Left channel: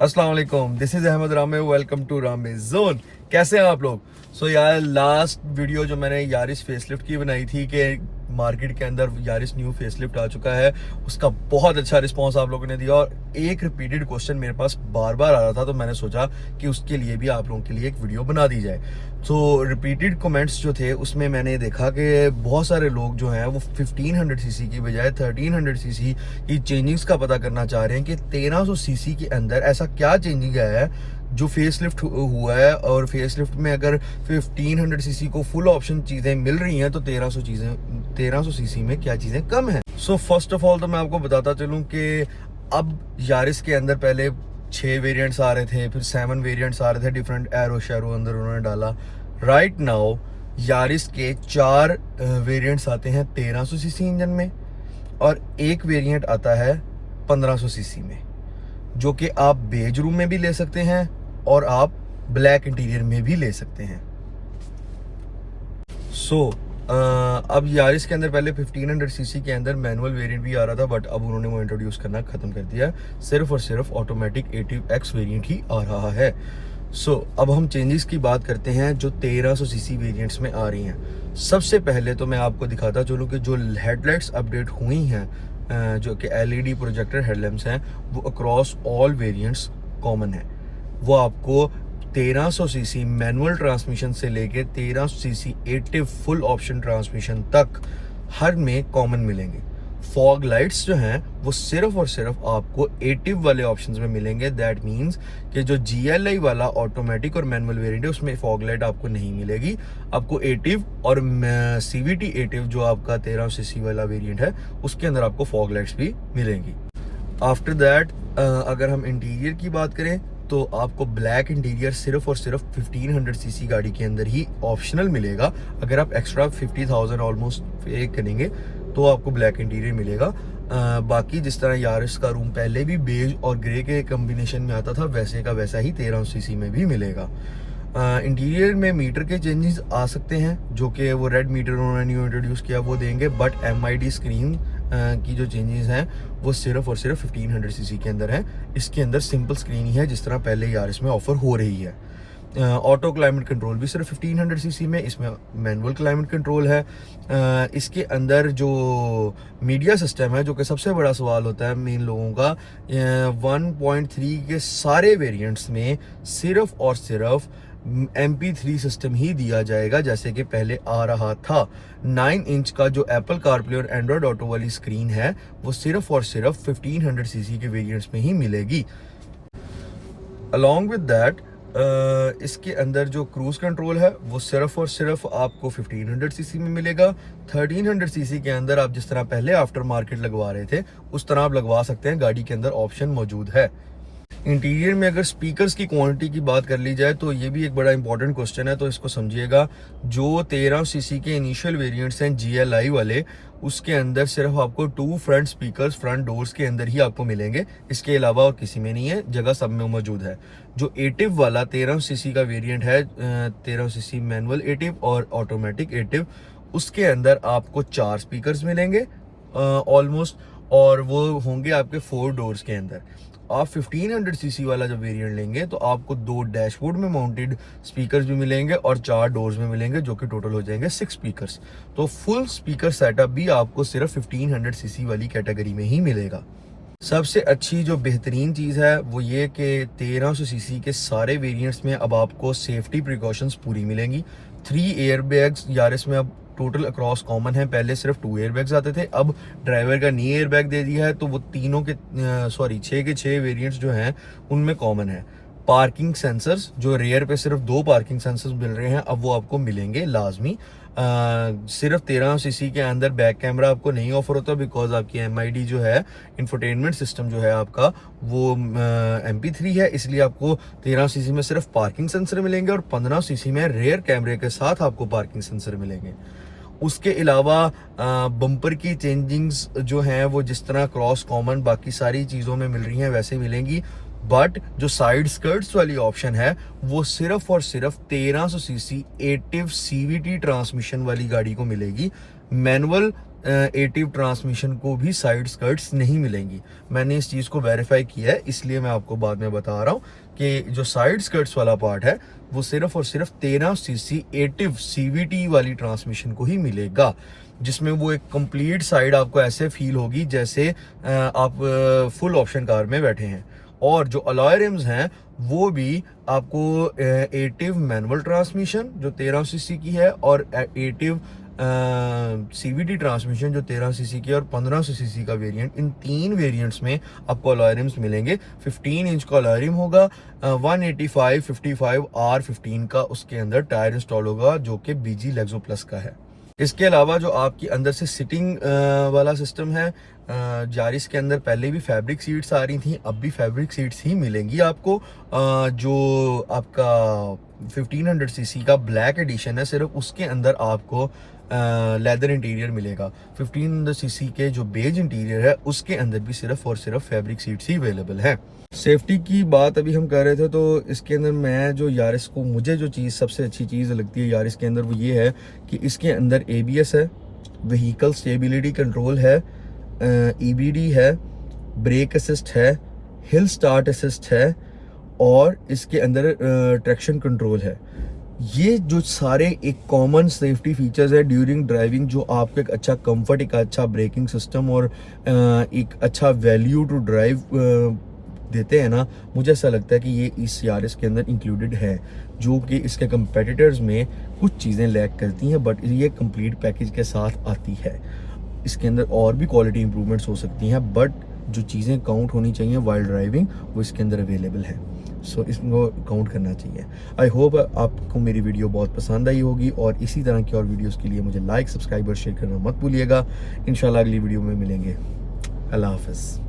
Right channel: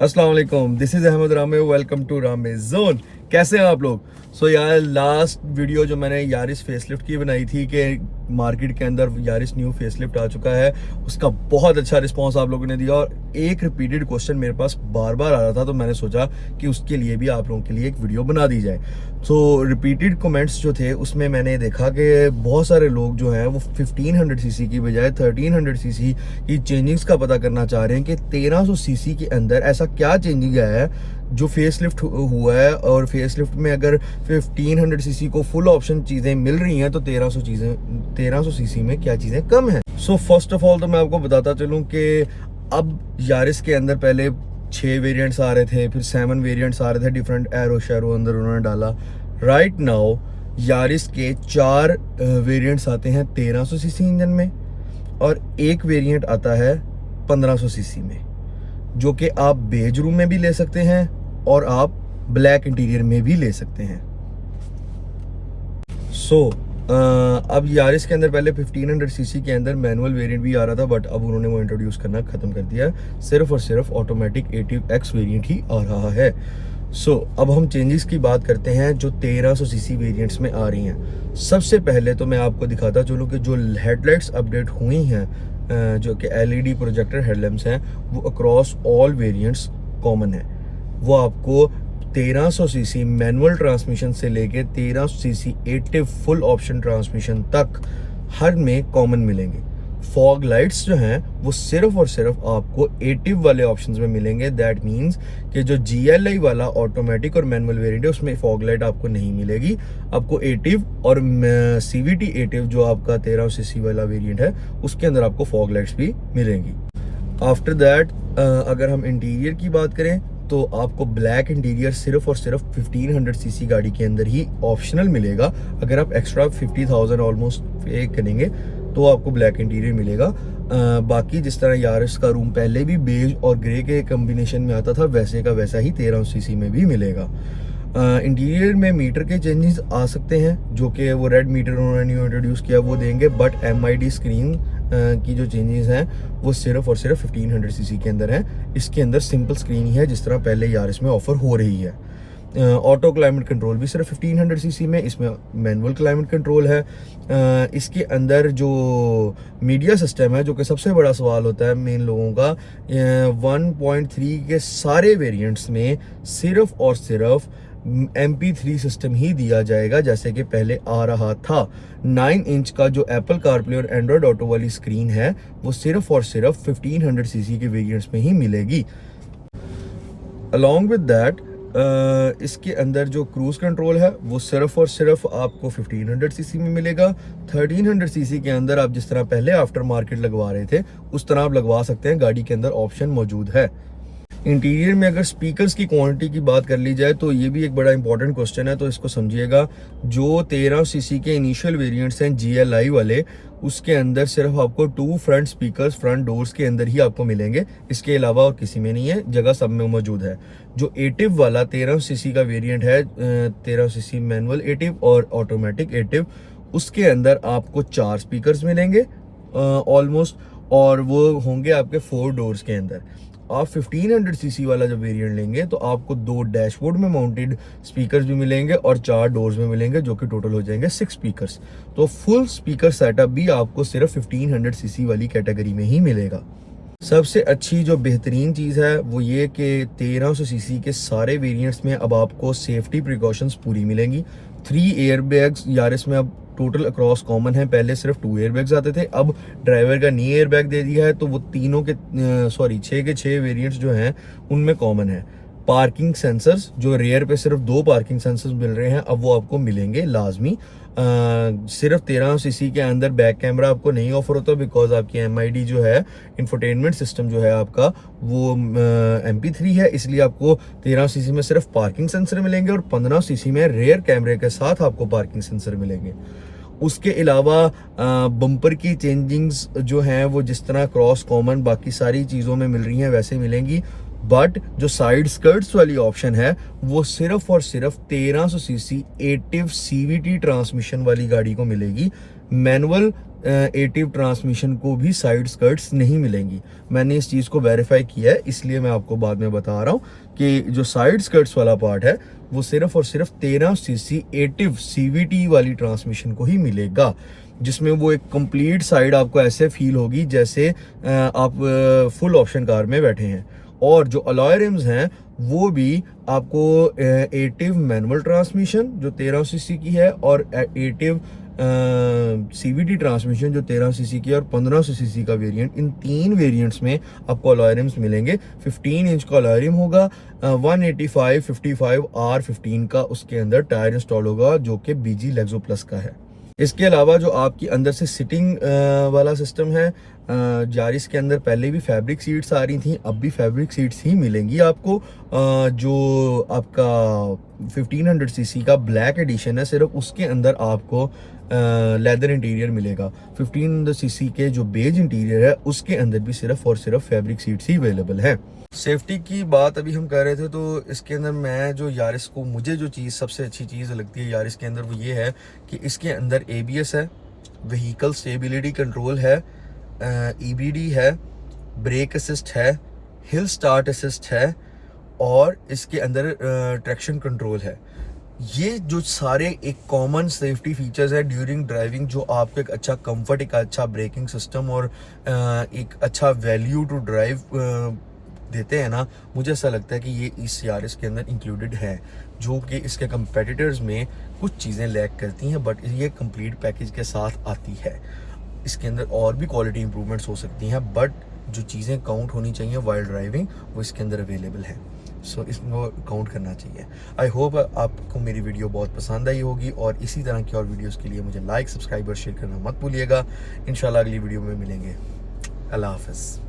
अस्सलाम वालेकुम, this is Ahmad रामे। वेलकम टू रामे जोन। कैसे हैं आप लोग? यार लास्ट वीडियो जो मैंने यारिस फेसलिफ्ट की बनाई थी कि मार्केट के अंदर यारिस न्यू फेसलिफ्ट आ चुका है, उसका बहुत अच्छा रिस्पांस आप लोगों ने दिया और एक रिपीटेड क्वेश्चन मेरे पास बार बार आ रहा था, तो मैंने सोचा कि उसके लिए भी आप लोगों के लिए एक वीडियो बना दी जाए। रिपीटेड कमेंट्स जो थे उसमें मैंने देखा कि बहुत सारे लोग जो हैं वो 1500 सीसी की बजाय 1300 सीसी की चेंजिंग्स का पता करना चाह रहे हैं कि 1300 सीसी के अंदर ऐसा क्या चेंजिंग आया है जो फेसलिफ्ट हुआ है, और फेसलिफ्ट में अगर 1500 सीसी को फुल ऑप्शन चीज़ें मिल रही हैं तो 1300 सीसी में क्या चीज़ें कम हैं। फर्स्ट ऑफ ऑल तो मैं आपको बताता चलूँ कि अब यारिस के अंदर पहले 6 वेरिएंट्स आ रहे थे, फिर 7 वेरिएंट्स आ रहे थे, डिफरेंट एरो शेरो अंदर उन्होंने डाला। राइट नाउ यारिस के 4 वेरिएंट्स आते हैं 1300 सीसी इंजन में, और एक वेरिएंट आता है 1500 सीसी में, जो कि आप बेज रूम में भी ले सकते हैं और आप ब्लैक इंटीरियर में भी ले सकते हैं। अब यारिस के अंदर पहले 1500 सीसी के अंदर मैनुअल वेरिएंट भी आ रहा था, बट अब उन्होंने वो इंट्रोड्यूस करना खत्म कर दिया है। सिर्फ और सिर्फ ऑटोमेटिक ATIV-X वेरिएंट ही आ रहा है। अब हम चेंजेस की बात करते हैं जो 1300 सीसी वेरिएंट्स में आ रही हैं। सबसे पहले तो मैं आपको दिखाता चलूँ कि जो हेडलाइट्स अपडेट हुई हैं, जो कि LED प्रोजेक्टर हेडलैम्प्स हैं, वो अक्रॉस ऑल वेरिएंट्स कॉमन है। वो आपको 1300 सीसी मैनुअल ट्रांसमिशन से लेके 1300 CC ATIV full option transmission तक हर में कॉमन मिलेंगे। फॉग लाइट्स जो हैं वो सिर्फ और सिर्फ आपको ATIV वाले ऑप्शंस में मिलेंगे। दैट मींस कि जो GLI वाला ऑटोमेटिक और मैनुअल वेरिएंट है उसमें फॉग लाइट आपको नहीं मिलेगी। आपको ATIV और CVT ATIV जो आपका 1300 सीसी वाला वेरिएंट है उसके अंदर आपको फॉग लाइट्स भी मिलेंगी। आफ्टर दैट अगर हम इंटीरियर की बात करें तो आपको ब्लैक इंटीरियर सिर्फ और सिर्फ 1500 सीसी गाड़ी के अंदर ही ऑप्शनल मिलेगा। अगर आप एक्स्ट्रा 50,000 ऑलमोस्ट पे करेंगे तो आपको ब्लैक इंटीरियर मिलेगा। बाकी जिस तरह यारिस का रूम पहले भी बेज और ग्रे के कम्बिनेशन में आता था, वैसे का वैसा ही 1300 सीसी में भी मिलेगा। इंटीरियर में मीटर के चेंजेस आ सकते हैं, जो कि वो रेड मीटर उन्होंने न्यू इंट्रोड्यूस किया वो देंगे, बट MID स्क्रीन की जो चेंजेस हैं वो सिर्फ और सिर्फ 1500 सीसी के अंदर हैं। इसके अंदर सिंपल स्क्रीन ही है जिस तरह पहले यारिस में ऑफर हो रही है। ऑटो क्लाइमेट कंट्रोल भी सिर्फ 1500 सीसी में, इसमें मैनुअल क्लाइमेट कंट्रोल है। इसके अंदर जो मीडिया सिस्टम है, जो कि सबसे बड़ा सवाल होता है मेन लोगों का, 1.3 के सारे वेरिएंट्स में सिर्फ और सिर्फ MP3 सिस्टम ही दिया जाएगा जैसे कि पहले आ रहा था। 9 इंच का जो एप्पल कारप्ले और एंड्रॉयड ऑटो वाली स्क्रीन है वो सिर्फ और सिर्फ 1500 सीसी के वेरिएंट्स में ही मिलेगी। अलॉन्ग विद दैट इसके अंदर जो क्रूज कंट्रोल है वो सिर्फ और सिर्फ आपको 1500 सीसी में मिलेगा। 1300 सीसी के अंदर आप जिस तरह पहले आफ्टर मार्केट लगवा रहे थे उस तरह आप लगवा सकते हैं, गाड़ी के अंदर ऑप्शन मौजूद है। इंटीरियर में अगर स्पीकर्स की क्वांटिटी की बात कर ली जाए तो ये भी एक बड़ा इंपॉर्टेंट क्वेश्चन है, तो इसको समझिएगा। जो 1300 सीसी के इनिशियल वेरिएंट्स हैं GLI वाले, उसके अंदर सिर्फ आपको 2 फ्रंट स्पीकर्स फ्रंट डोर्स के अंदर ही आपको मिलेंगे, इसके अलावा और किसी में नहीं है, जगह सब में मौजूद है। जो ATIV वाला 1300 सीसी का वेरिएंट है, 1300 सीसी मैनुअल ATIV और ऑटोमेटिक ATIV, उसके अंदर आपको 4 स्पीकर्स मिलेंगे ऑलमोस्ट, और वो होंगे आपके 4 डोर्स के अंदर। आप 1500 सीसी वाला जब वेरिएंट लेंगे तो आपको 2 डैशबोर्ड में माउंटेड स्पीकर्स भी मिलेंगे और 4 डोर्स में मिलेंगे, जो कि टोटल हो जाएंगे 6 स्पीकर्स। तो फुल स्पीकर सेटअप भी आपको सिर्फ 1500 सीसी वाली कैटेगरी में ही मिलेगा। सबसे अच्छी जो बेहतरीन चीज़ है वो ये कि 1300 सीसी के सारे वेरिएंट्स में अब आपको सेफ्टी प्रिकॉशंस पूरी मिलेंगी। 3 एयरबैग्स यारिस में अब टोटल अक्रॉस कॉमन है। पहले सिर्फ 2 एयरबैग्स आते थे, अब ड्राइवर का नी एयरबैग दे दिया है, तो वो तीनों के 6 के 6 वेरिएंट्स जो हैं उनमें कॉमन है। पार्किंग सेंसर्स जो रेयर पे सिर्फ 2 पार्किंग सेंसर्स मिल रहे हैं, अब वो आपको मिलेंगे लाजमी। सिर्फ 1300 सीसी के अंदर बैक कैमरा आपको नहीं ऑफर होता, बिकॉज आपकी MID जो है, इंफोटेनमेंट सिस्टम जो है आपका, वो MP3 है, इसलिए आपको 1300 सीसी में सिर्फ पार्किंग सेंसर मिलेंगे और 1500 सीसी में रेयर कैमरे के साथ आपको पार्किंग सेंसर मिलेंगे। उसके अलावा बम्पर की चेंजिंग्स जो हैं वो जिस तरह क्रॉस कॉमन बाकी सारी चीज़ों में मिल रही हैं वैसे मिलेंगी, बट जो साइड स्कर्ट्स वाली ऑप्शन है वो सिर्फ और सिर्फ 1300 सीसी ATIV CVT ट्रांसमिशन वाली गाड़ी को मिलेगी। मैनुअल एटिव ट्रांसमिशन को भी साइड स्कर्ट्स नहीं मिलेंगी। मैंने इस चीज़ को वेरीफाई किया है, इसलिए मैं आपको बाद में बता रहा हूँ कि जो साइड स्कर्ट्स वाला पार्ट है वो सिर्फ और सिर्फ 13 सीसी एटिव CVT वाली ट्रांसमिशन को ही मिलेगा, जिसमें वो एक कंप्लीट साइड आपको ऐसे फील होगी जैसे आप फुल ऑप्शन कार में बैठे हैं। और जो अलॉय रिम्स हैं वो भी आपको एटिव मैनुअल ट्रांसमिशन जो 13 सीसी की है और एटिव CVT ट्रांसमिशन जो 13 सीसी की है और 1500 सीसी का वेरिएंट, इन 3 वेरिएंट्स में आपको अलॉय रिम्स मिलेंगे। 15 इंच का अलॉय रिम होगा, 185 55 R15 का उसके अंदर टायर इंस्टॉल होगा जो कि BG लेक्सो प्लस का है। इसके अलावा जो आपकी अंदर से सिटिंग वाला सिस्टम है, यारिस के अंदर पहले भी फैब्रिक सीट्स आ रही थी, अब भी फैब्रिक सीट्स ही मिलेंगी आपको। जो आपका 1500 सीसी का ब्लैक एडिशन है सिर्फ उसके अंदर आपको लेदर इंटीरियर मिलेगा। 1500 सीसी के जो बेज इंटीरियर है उसके अंदर भी सिर्फ और सिर्फ फैब्रिक सीट्स ही अवेलेबल है। सेफ्टी की बात अभी हम कर रहे थे, तो इसके अंदर मैं जो यारिस को मुझे जो चीज़ सबसे अच्छी चीज़ लगती है यारिस के अंदर वो ये है कि इसके अंदर ABS है, व्हीकल स्टेबिलिटी कंट्रोल है, EBD है, ब्रेक असिस्ट है, हिल स्टार्ट असिस्ट है और इसके अंदर ट्रैक्शन कंट्रोल है। ये जो सारे एक कॉमन सेफ्टी फीचर्स है ड्यूरिंग ड्राइविंग जो आपको एक अच्छा कंफर्ट, एक अच्छा ब्रेकिंग सिस्टम और एक अच्छा वैल्यू टू ड्राइव देते हैं ना, मुझे ऐसा लगता है कि ये इस यारिस के अंदर इंक्लूडेड है, जो कि इसके कंपेटिटर्स में कुछ चीज़ें लैक करती हैं बट ये कंप्लीट पैकेज के साथ आती है। इसके अंदर और भी क्वालिटी इंप्रूवमेंट्स हो सकती हैं बट जो चीज़ें काउंट होनी चाहिए वाइल ड्राइविंग वो इसके अंदर अवेलेबल है, सो इसको काउंट करना चाहिए। आई होप आपको मेरी वीडियो बहुत पसंद आई होगी और इसी तरह की और वीडियोस के लिए मुझे लाइक, सब्सक्राइब और शेयर करना मत भूलिएगा। इंशाल्लाह अगली वीडियो में मिलेंगे। अल्लाह हाफ़िज़।